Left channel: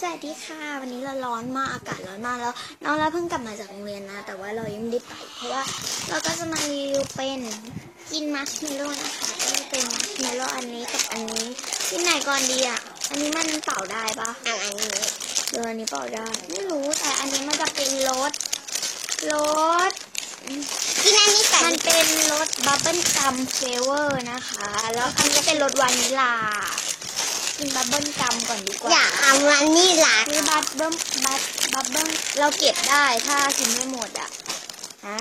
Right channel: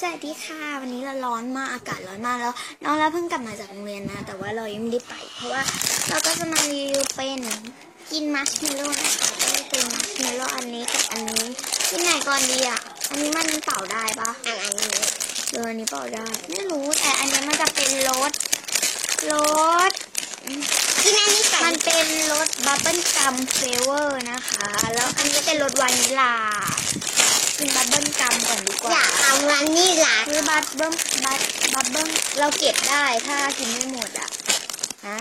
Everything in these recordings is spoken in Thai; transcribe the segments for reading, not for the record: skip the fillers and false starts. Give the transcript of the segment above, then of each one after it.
สวัสดีค่ะวันนี้เราร้อนมากอากาศร้อนมากแล้วน้องเราเพิ่งกลับมาจากโรงเรียนนะแต่ว่าเรายังไม่ได้ไปเพราะว่าเราก็จะมารีวิวเป็นกินมัชเมลโล่นะคะก็จะเป็นมัชเมลโล่อันนี้กับอันนี้กินไหนก่อนดีอ่ะอันนี้มันเป่าได้ปะอันนี้อันนี้เป่าได้ไม่รู้แต่อันนี้มันจะเป็นรสที่นั่นนี่มันเป็นรสบับเบิ้ลกัมเฟเวอร์นะคะแล้วอันนี้เป็นรสวานิลากินบับเบิ้ลกัมก่อนดีกว่าอันนี้ล่ะนี่บับเบิ้ลเราเก็บได้ถ้ากินไม่หมดอ่ะฮะ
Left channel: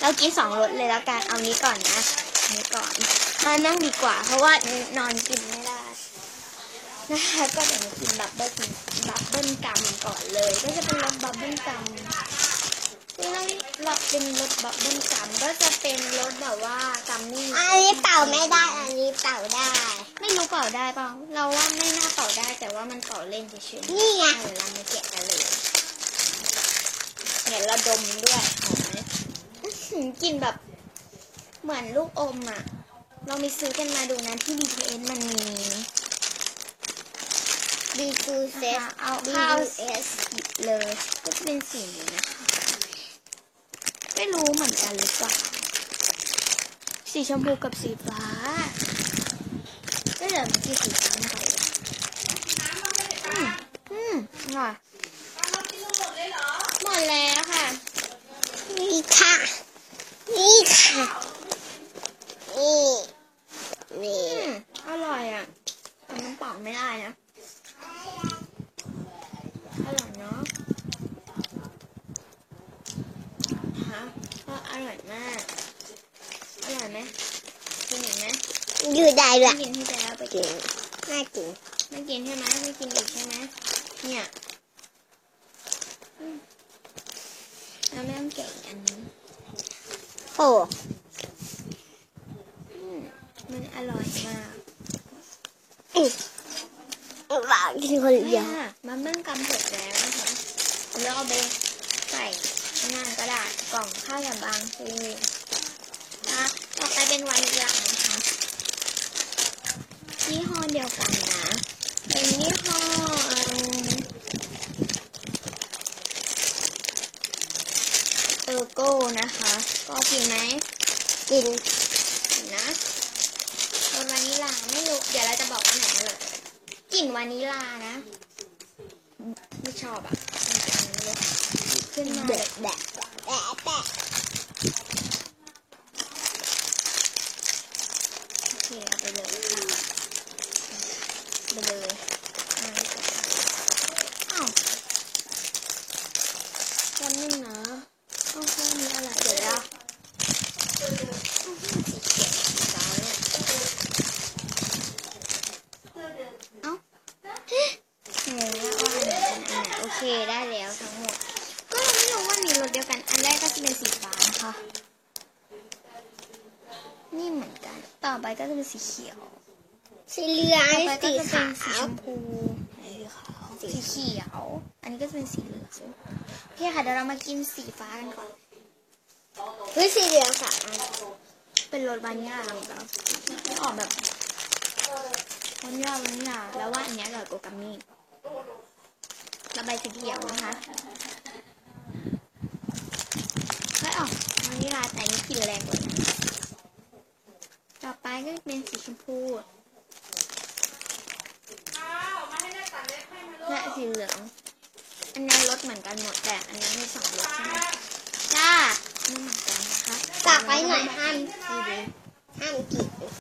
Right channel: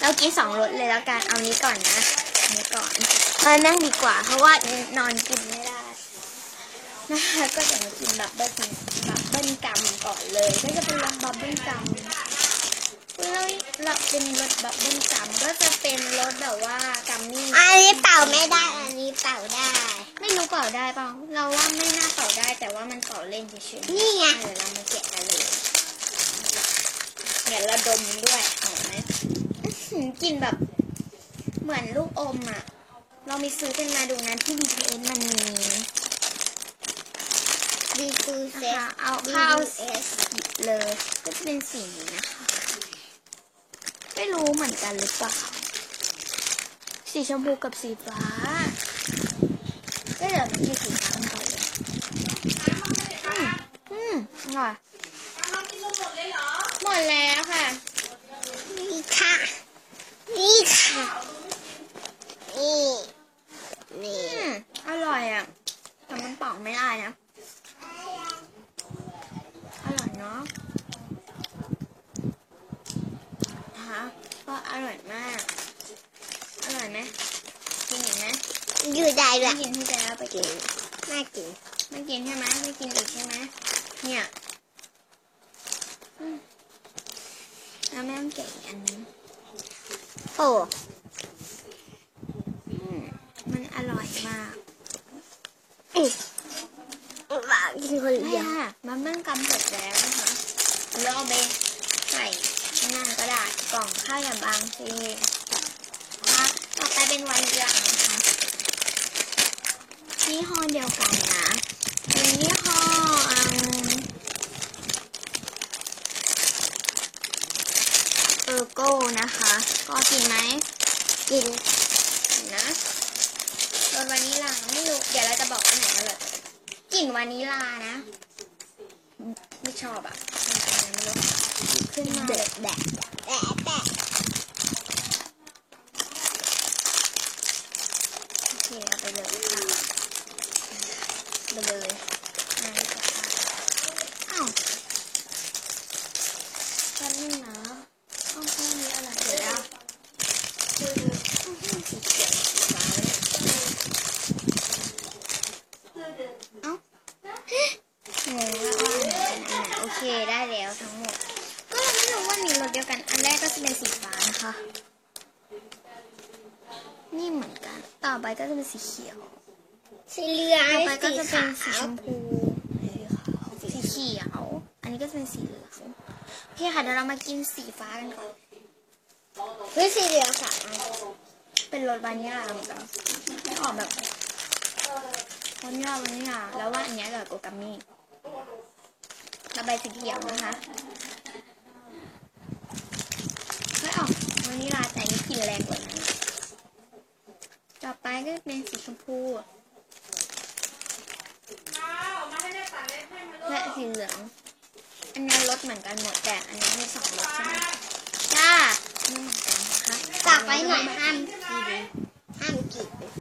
เรากิน2 รสเลยแล้วกันเอานี้ก่อนนะนี้ก่อนนั่งดีกว่าเพราะว่านอนกินไม่ได้นะคะก็จะมากินบับเบิ้ลกัมก่อนเลยก็จะเป็นรสบับเบิ้ลกัมเราเป็นรสบับเบิ้ลกัมก็จะเป็นรสแบบว่ากัมมี่อันนี้เป่าไม่ได้อันนี้เป่าได้ไม่รู้เป่าได้เปล่าเราว่าไม่น่าเป่าได้แต่ว่ามันเป่าเล่นเฉยๆนี่ไงเดี๋ยวเรามาแกะกันเลยเดี๋ยวเราดมด้วยหอมไหมกลิ่นแบบเหมือนลูกอมอ่ะเรามีซื้อกันมาดูนะที่ BTS มันมีBTS เอาเข้าเลยก็จะเป็นสีนี้นะคะไม่รู้เหมือนกันหรือเปล่าสีชมพูกับสีฟ้าก็เดี๋ยวมันมีสีฟ้ากันไปเลยค่ะหมดแล้วค่ะนี่ค่ะนี่อร่อยอ่ะแต่มันเป่าไม่ได้นะอร่อยเนาะก็อร่อยมากอร่อยไหมกินอีกไหมกินได้ละกินที่จะเอาไปกินไม่กินใช่ไหมไม่กินอีกใช่ไหมเนี่ยเราไม่ต้องเก็บอันนี้โอ้มันอร่อยมากหวานกินคนเดียวมันเมื่อกำเสร็จแล้วนะคะแล้วเอาไปใส่นั่นกระดาษกล่องข้าวอย่างบางทีต่อไปเป็นวานิลลานะคะยี่ห้อเดียวกันนะเป็นยี่ห้อโก้นะคะก็กินไหมกินนะรสวานิลลาไม่รู้เดี๋ยวเราจะบอกว่าไหนอร่อยกลิ่นวานิลลานะไม่ชอบอ่ะขึ้นมาแบะโอเคเอาไปเลยค่ะไปเลยอ้าวยังไม่หนังไม่มีอะไรเดี๋ยวว่าสีเขียวสีฟ้าเอ้าโอเคได้แล้วทั้งหมดก็เราไม่รู้ว่ามีรสเดียวกันอันแรกก็จะเป็นสีฟ้านะคะนี่เหมือนกันต่อไปก็จะเป็นสีเขียวสีเหลืองต่อไปก็จะเป็นสีชมพูสีเขียวอันนี้ก็จะเป็นสีเหลืองโอเคค่ะเดี๋ยวเรามากินสีฟ้ากันก่อนคือสีเหลืองค่ะเป็นรสวานิลลาเหมือนกันออกแบบวานิลลาแล้วว่าอันนี้อร่อยกว่ากัมมี่ระบายสีเขียวนะคะให้ออกวานิลลาแต่นี่กลิ่นแรงกว่านะต่อไปก็เป็นสีชมพูและสีเหลืองอันนี้รสเหมือนกันหมดแต่อันนี้มี2 รสใช่ไหมจ้าไม่เหมือนกันนะคะจากนั้นห้ามกิน